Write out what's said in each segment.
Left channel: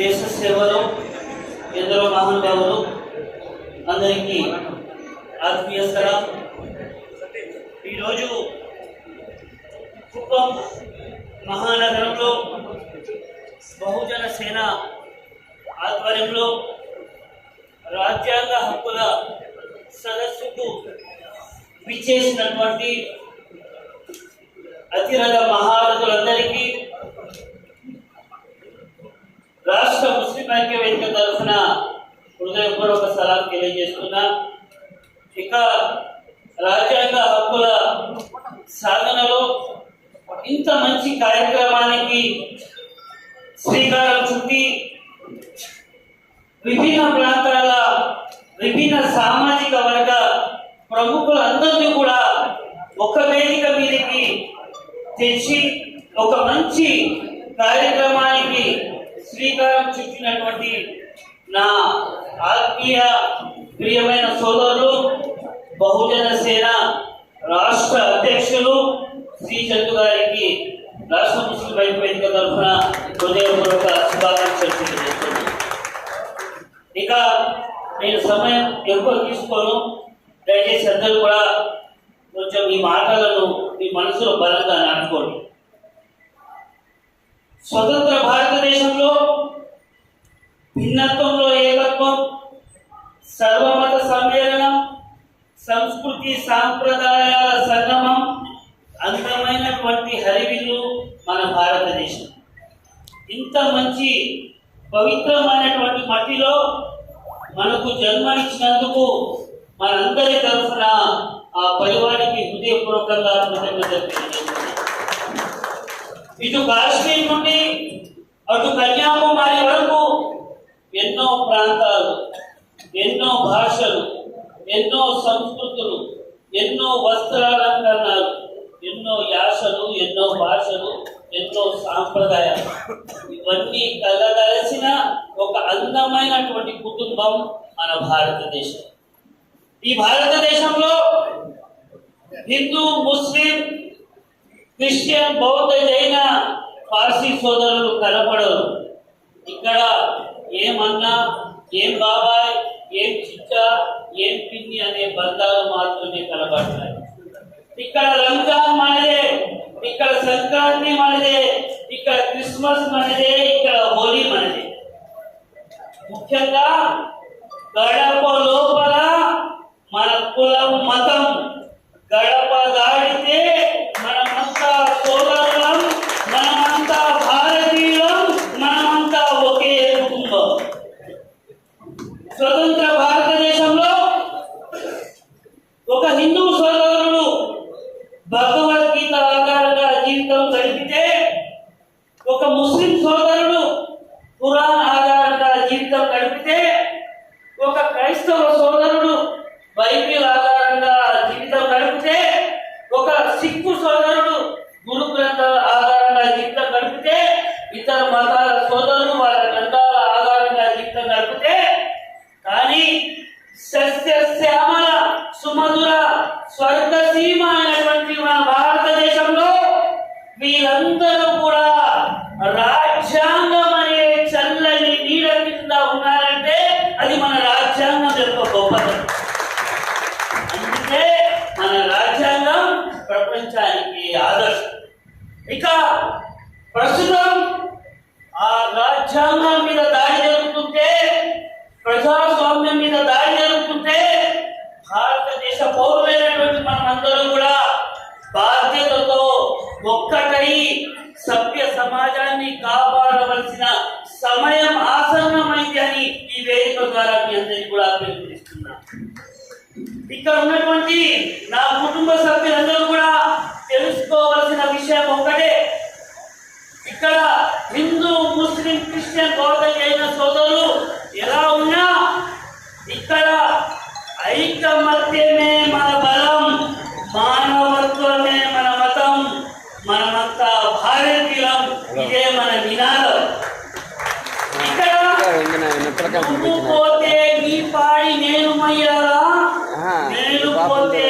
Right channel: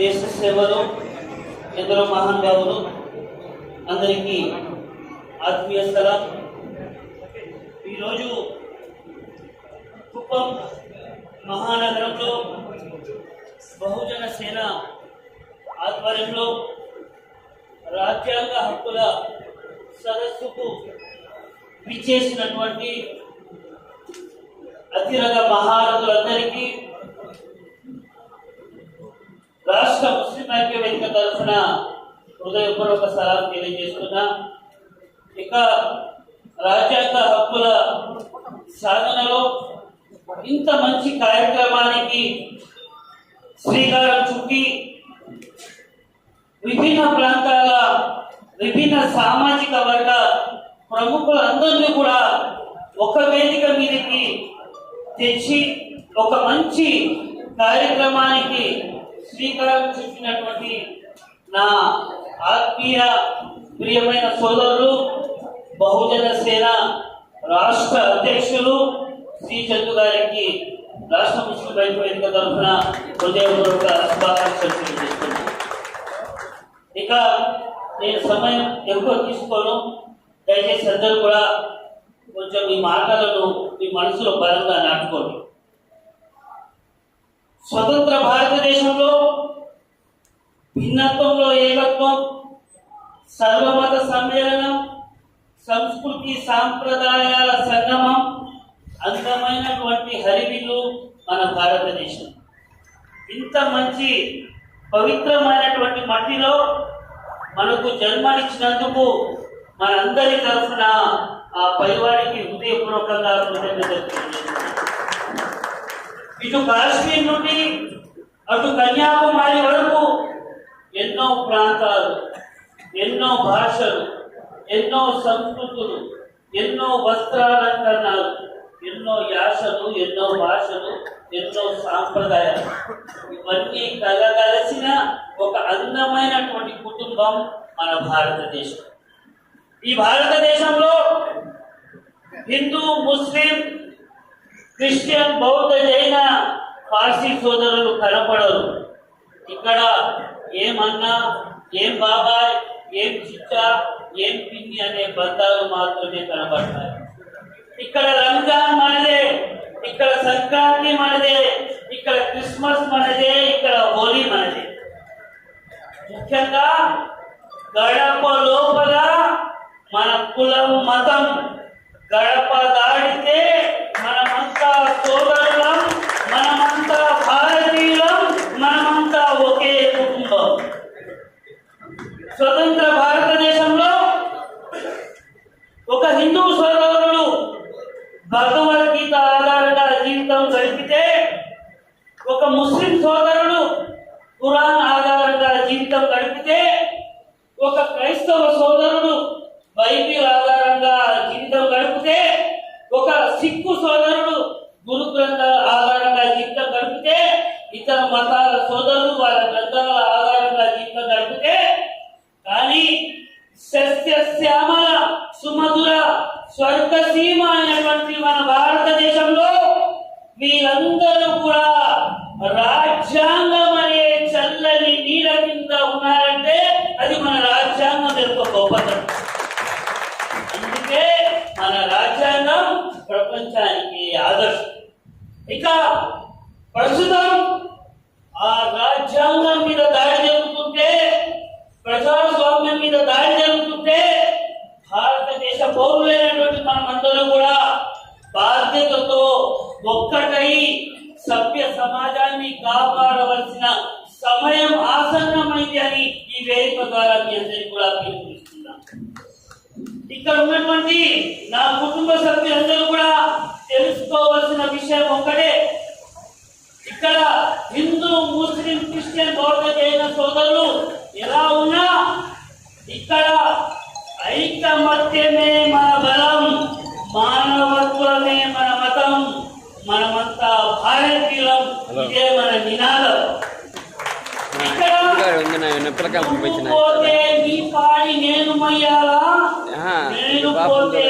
దేశ సేవలో ఎందరో మహానుభావులు అందరికీ ఆత్మీయ సలాం. ఈరోజు కుప్పం మహానగరంలో బహుజన సేన ఆధ్వర్యంలో రాజ్యాంగ హక్కుల సదస్సుకు విచ్చేసినటువంటి అతిరథ మహారథులందరికీ రాష్ట్ర ముస్లిం ఐక్య వేదిక తరఫున హృదయపూర్వక సలాం తెలియజేస్తున్నా. ఇక రాజ్యాంగ హక్కుల సాధనలో ఇంత మంచి కార్యక్రమానికి శ్రీకారం చుట్టి విభిన్న ప్రాంతాల విభిన్న సామాజిక వర్గ ప్రముఖులందరినీ కూడా ఒక వేదిక మీదకి తెచ్చి ఒక మంచి కార్యక్రమానికి శ్రీకారం చుట్టినటువంటి నా ఆత్మీయ ప్రియమైన సోదరులు బహుజన సేన రాష్ట్ర అధ్యక్షులు శ్రీ చందు గారికి రాష్ట్ర ముస్లిం ఐక్య వేదిక తరఫున హృదయపూర్వక శుభాకాంక్షలు తెలియజేస్తున్నాను. ఇక నేను సమయం ఎక్కువ తీసుకోను. దయచేసి అందరూ కూడా కొంచెం ఈ మాటలను మీ మనసులో బలంగా నాటుకోండి. స్వతంత్ర భారతదేశంలో భిన్నత్వంలో ఏకత్వం, సర్వమత సమ్మేళనం, సంస్కృతి సాంప్రదాయాల సంగమం, అందమైనటువంటి హరివిల్లు మన భారతదేశం. ఇంత మంచి పవిత్రమైనటువంటి మట్టిలో మనకు జన్మనిచ్చినందుకు మనందరి తరఫున ఆ పరివారికి హృదయపూర్వకంగా కృతజ్ఞతలు తెలియజేస్తున్నాను. ఇటు కాశ్మీర్ నుండి అటు కన్యాకుమారి వరకు ఎన్నో ప్రాంతాలు, ఎన్నో భాషలు, ఎన్నో సంస్కృతులు, ఎన్నో వస్త్రాలంకరణాలు, ఎన్నో యాసలు, ఎన్నో భాషలు, ఎన్నో సాంప్రదాయాలు, ఇవన్నీ కలగలిసిన ఒక అందమైనటువంటి కుటుంబం మన భారతదేశం. ఈ భారతదేశంలో హిందూ, ముస్లిం, క్రిస్టియన్, బౌద్ధ, జైన, పార్సీ సోదరులు కనపడరు. ఇక్కడ ఏమన్నా, ఏం బాబాయ్, ఏం చిచ్చా, ఏం పిన్ని అనే బంధాలు మాత్రమే కనబడతాయి. ఇక్కడ రంజాన్ మనదే, ఇక్కడ సంక్రాంతి మనదే, ఇక్కడ క్రిస్మస్ మనదే, ఇక్కడ హోలీ మనదే. ముఖ్యంగా గడప లోపల మన కులం, మతం గడప దాడితే మనమంతా సోదరులం, మనమంతా భారతీయులం, మనమంతా ఒకే కుటుంబం. స్వతంత్ర భారతదేశంలో ఒక హిందూ సోదరుడు భగవద్గీత ఆధారంగా జీవితం గడిపితే, ఒక ముస్లిం సోదరుడు ఖురాన్ ఆధారంగా జీవితం గడిపితే, ఒక క్రైస్తవ సోదరుడు బైబిల్ ఆధారంగా జీవితం గడిపితే, ఒక సిక్కు సోదరుడు గురు గ్రంథాల ఆధారంగా జీవితం గడిపితే, ఇతర మతాల సోదరులు వాళ్ళ గ్రంథాల ఆధారంగా జీవితం గడిపితే, కానీ సస్యశ్యామల సుమధుర స్వర్గసీమ అయినటువంటి మన భారతదేశంలో వీరందరూ కూడా రాజ్యాంగం అనే చల్లని నీడ కింద ఉన్నారంటే అది మన రాజ్యాంగం యొక్క గొప్పతనం. అందుకే మన రాజ్యాంగం ప్రపంచానికి ఆదర్శం. ఇక ప్రస్తుతం ఆ రాజ్యాంగం మీద దాడి జరుగుతుంటే, ప్రజాస్వామ్యం మీద దాడి జరుగుతుంటే, భారతదేశ పౌరులైనటువంటి మనమందరూ కూడా బాధ్యతతో ఒక్కటై సభ్య సమాజాన్ని కాపాడవలసిన సమయం ఆసన్నమైంది అని ఈ వేదిక ద్వారా మీ అందరికీ కూడా పిలుపునిస్తున్నాం. ఇక్కడ ఉన్నటువంటి నా కుటుంబ సభ్యులందరూ కూడా తెలుసుకోవాల్సిన విషయం ఒకటే. ఇక్కడ హిందూ, ముస్లిం, క్రిస్టియన్, బౌద్ధ, జైన సోదరులు ఎలా ఉన్నా ఇక్కడ ఐకమత్యమే మన బలం, మానవత్వమే మన మతం, మనమంతా భారతీయులం, ఇదే మన నినాదం. ఇక్కడ పోతే నీ పాడి నేను మయ్యాలా, నేను పోతే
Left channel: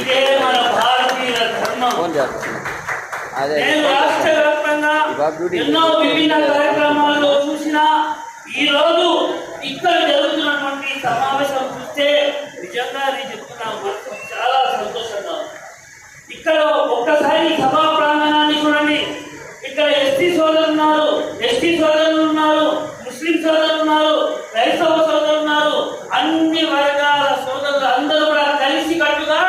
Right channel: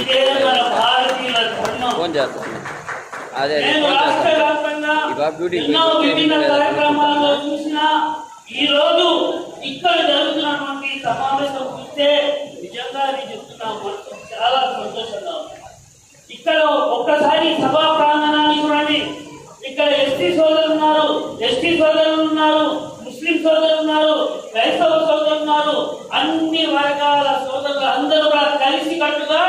ఇదే మన భారతీయుల ధర్మం. రాష్ట్ర వ్యాప్తంగా ఎన్నో విభిన్న కార్యక్రమాల్లో చూసినా ఈ రోజు ఇక్కడ జరుగుతున్నటువంటి సమావేశం చూస్తే నిజంగా నేను చెప్తున్నా మనసు చాలా సంతోషంగా ఉంది. ఇక్కడ ఒక్కసారి సభా ప్రాంగణాన్ని చూడండి. ఇక్కడ ఎస్టీ సోదరులు ఉన్నారు, ఎస్టీ సోదరులు ఉన్నారు, ముస్లిం సోదరులు ఉన్నారు, క్రైస్తవ సోదరులు ఉన్నారు. అన్ని వర్గాల సోదరులు అందరూ కూడా కలిసి కట్టుగా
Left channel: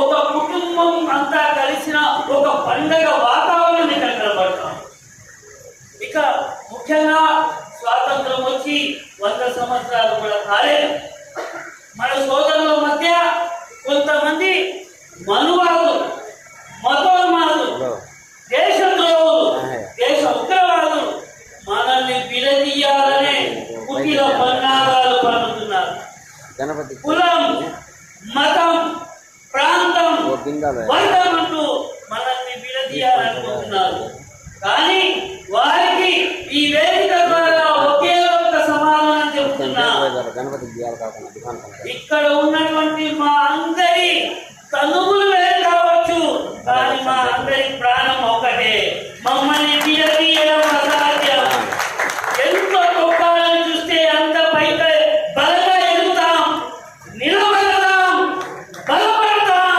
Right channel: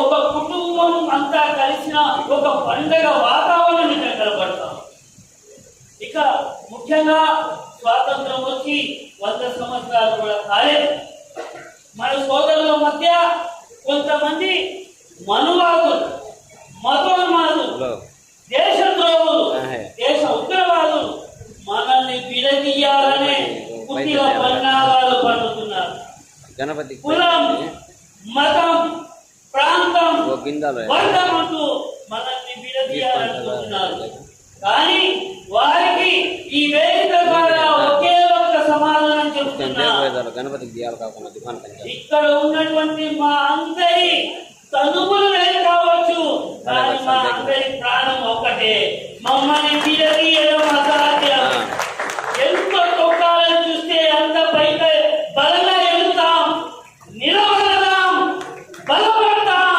ఒక కుటుంబం అంతా కలిసిన ఒక పండగ వాతావరణం ఇక్కడ కనబడతాం. ఇక ముఖ్యంగా స్వాతంత్రం వచ్చి 100 సంవత్సరాలు కూడా కాలేదు. మన సోదరుల మధ్య కొంతమంది మనువాదులు, మతోన్మాదులు, దేశద్రోహులు, దేశ ఉగ్రవాదులు మనల్ని విడదీయాలనే కుటిల పన్నాగాలు పన్నుతున్నారు. కులం, మతం, ప్రాంతం, వర్గం అంటూ మనల్ని విడదీయాలనుకుంటున్నారు. కానీ వారికి ఈ వేదిక ద్వారా ఒకే ఒక సమాధానం చెప్తున్నా. ఇక్కడ ఉన్నటువంటి మా అందరి తనువులు వేరు కావచ్చు, కానీ మా అందరి ప్రాణం ఒకటే. మమ్మల్ని విడదీయడం అసాధ్యం. ఎంతో తొక్కాలని చూస్తే అంత పైకి బలంగా ఎదుగుతాం, నిలబడతాం, బలపడతాం,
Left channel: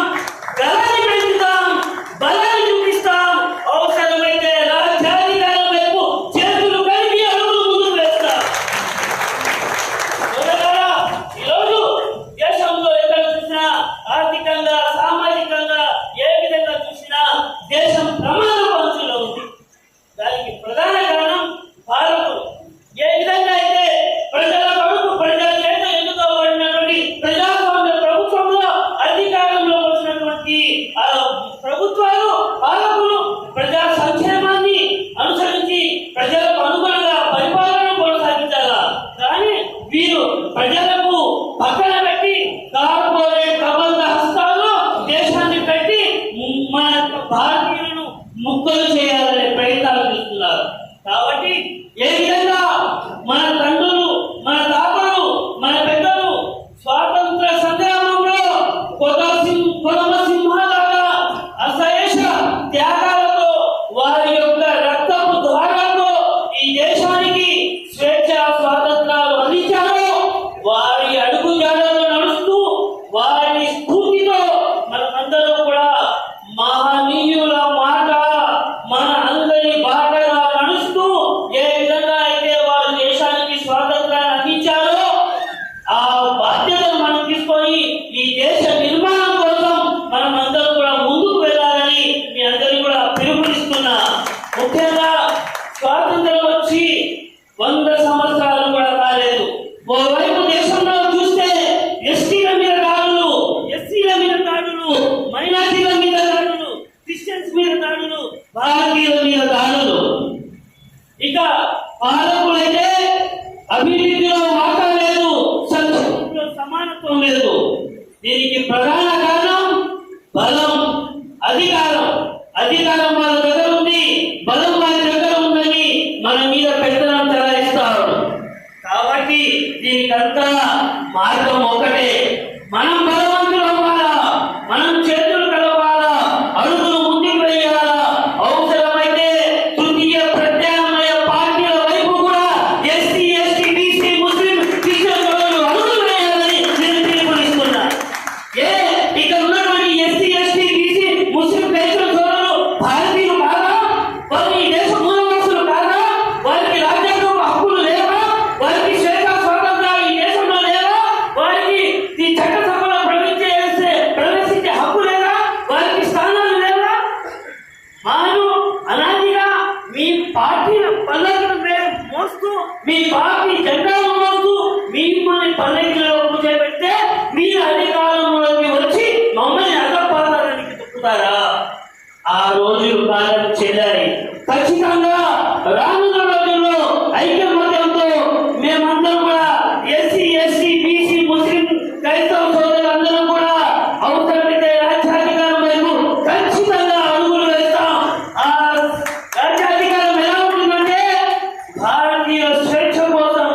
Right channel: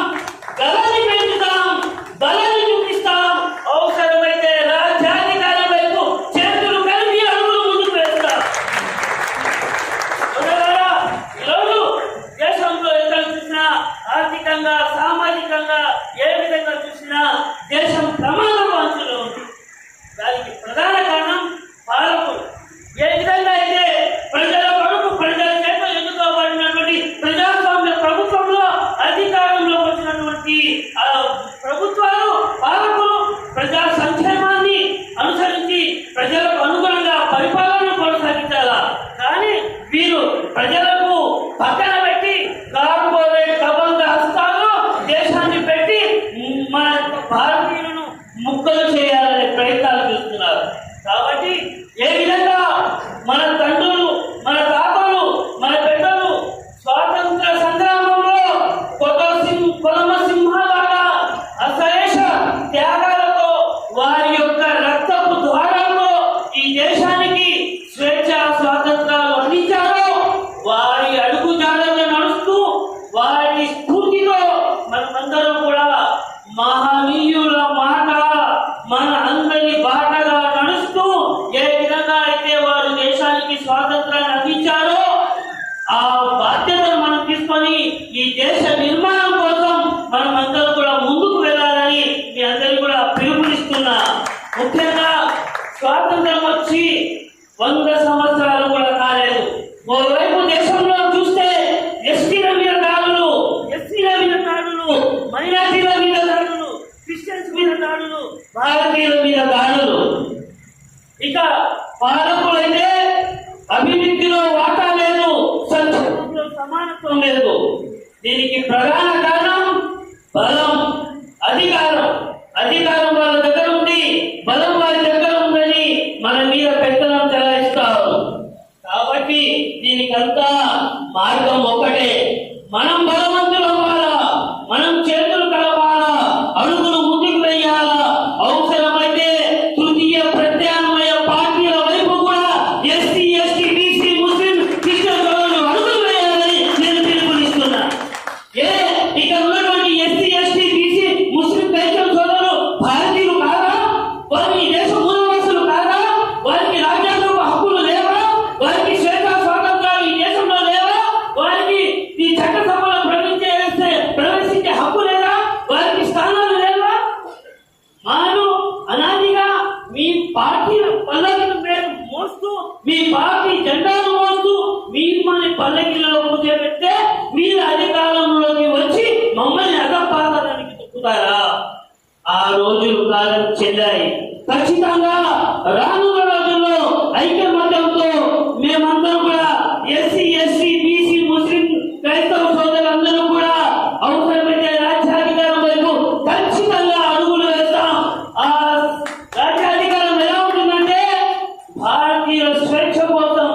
గలని పెంచుతాం, బలాన్ని చూపిస్తాం. అవసరమైతే రాజ్యాధికారం వైపు చేతులు కలిపి అడుగులు ముందుకు వేస్తాం. ఈరోజు దేశంలో ఎక్కడ చూసినా ఆర్థికంగా, సామాజికంగా ఏ విధంగా చూసినా దేశం ప్రమాద పంచులో ఉంది. దానికి ప్రధాన కారణం పాలకులు. ఏ విధంగా అయితే ప్రజల కొడుకు ప్రజల చేత ఎన్నుకోబడినటువంటి ప్రజాస్వామ్య ప్రభుత్వంలో అధికారంలో వచ్చినటువంటి ప్రభుత్వాలు, పాలకులు ప్రజా సంక్షేమాన్ని అనుసరించి ప్రజలకు అనుగుణంగా పరిపాలన కొనసాగించాలా. కానీ వీరు ప్రజలకు పక్కన పెట్టి కార్పొరేట్ కబంధ హస్తాల్లో దేశాన్ని పెట్టి మన భారతీయులను ముక్కలు చేయాలనే ప్రయత్నాలు చేస్తున్నారు. కాబట్టి ఏ విధంగా మన తండ్రులు, మన తాతలు, మన పెద్దలు స్వాతంత్ర సంగ్రామంలో కొనమసింహాలుగా అశేష త్యాగాలతో వారి యొక్క రక్తపు ద్వారాలతో ఈ దేశానికి స్వేచ్ఛ స్వాతంత్రాలు అందించారో వారి అడుగుజాడలు నడుస్తూ వారి స్ఫూర్తితో మనమందరం కూడా మహనీయుల మాట మన అందరి బాటగా నడుస్తూ ఏ విధంగా అయితే వారు దేశానికి స్వాతంత్రాన్ని అందించారో ఆ బాధ్యతను మనం తీసుకొని ఈ దేశ నిర్మాణం కోసం మనం అందరం కూడా ముందుకు వెళ్ళాలని మీ అందరికీ కూడా పిలుపునిస్తున్నా. ముఖ్యంగా స్వాతంత్రం వచ్చి 100 సంవత్సరాలు కూడా కాలేదు. ఓవైపు దేశంలో చూస్తే ఎస్టీల మీద దాడులు, ఎస్సీల మీద దాడులు, మైనారిటీల మీద దాడులు, క్రిస్టియన్స్ మీద దాడులు, భారతీయుల మీద దాడులు. ఇక పాలకులైతే అభివృద్ధిలో వాటా లేదు, సంక్షేమంలో సమానత్వం లేదు. దీనికి ప్రధాన కారణం బలం, అధికారం. అధికారం వాళ్ళ దగ్గర ఉంది, బలం వాళ్ళ దగ్గర ఉందని మన మీద పెత్తనం చెలాయిస్తారు. కాబట్టి దీనికంతా మార్గం ఒకటే. మనం బలవంతులు అవ్వాలా, మనం చేతులు కలవాలా, అడుగులు ముందుకు వేయాలా. అవసరమైతే తృతీయ ప్రత్యామ్నాయ పార్టీల వైపు కూడా ఎస్సీ, ఎస్టీ, బీసీ, ముస్లిం, క్రిస్టియన్ సోదరులు అడుగులు వేయాలని నేను పిలుపునిస్తున్నా. ఇక ఉన్నటువంటి ఎస్సీ, ఎస్టీ, బీసీ, ముస్లిం, క్రైస్తవ సోదరులు భారతీయులు కాదా? వారు ఈ దేశ మూలవాసులు కాదా? వారికి రాజ్యాంగ హక్కులు లేవా? వారికి స్వేచ్ఛ స్వాతంత్రాలు ఈ దేశంలో లేవా? వారికి ఈ చట్టసభలో ప్రవేశించే హక్కు లేదా? వారికి స్థానాలు లేవా? మాను అనాదిగా మీ పార్టీల పల్లెలను మోస్తూ, మీ పార్టీ జెండాను మోస్తూ మిమ్మల్ని పల్లెకిలలో కూర్చోబెడితే మీరు అధికారంలోకి వచ్చి మమ్మల్ని అగపాదానికి తొక్కుతారా? ఆ రోజులు కాలం చెల్లాయి. ఖచ్చితంగా రానున్న రోజుల్లో ఐకమత్యంతో మేమందరం కూడా ఎస్సీ, ఎస్టీ, బీసీ, ముస్లిం, క్రైస్తవ సోదరులందరూ కూడా అవసరమైతే రాజ్యాధికారం వైపు ఖచ్చితంగా అడుగులు వేస్తాం. ఆ రాజ్యాధికారం ఎలా ఉంటుందంటే భారతీయుల స్వేచ్ఛ కోసం,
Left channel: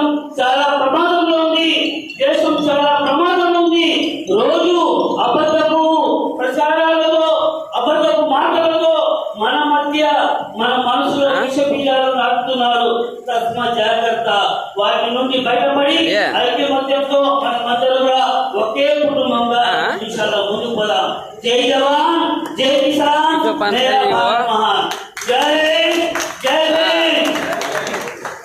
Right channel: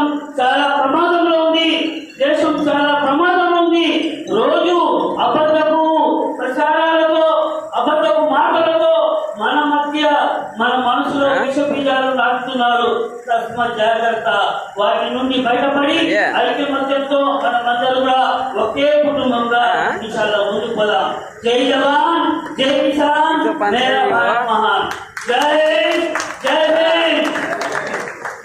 దేశం చాలా ప్రమాదంలో ఉంది. దేశం చాలా ప్రమాదం ఉంది. రోజు అబద్ధపు ప్రచారాలతో, అబద్ధపు మాటలతో మన మధ్య, మన మనసులో విష బీజాలను నాటుతున్నారు. తస్మా జాగ్రత్త. వాటి నుండి బయటపడి ఐక్యమత్యంతో మనమందరూ కూడా ఒకే కుటుంబంగా విషయాల్లో ముందుకు పోదాం. జై జవాన్, జై కిసాన్, జై భారత్ మహాన్.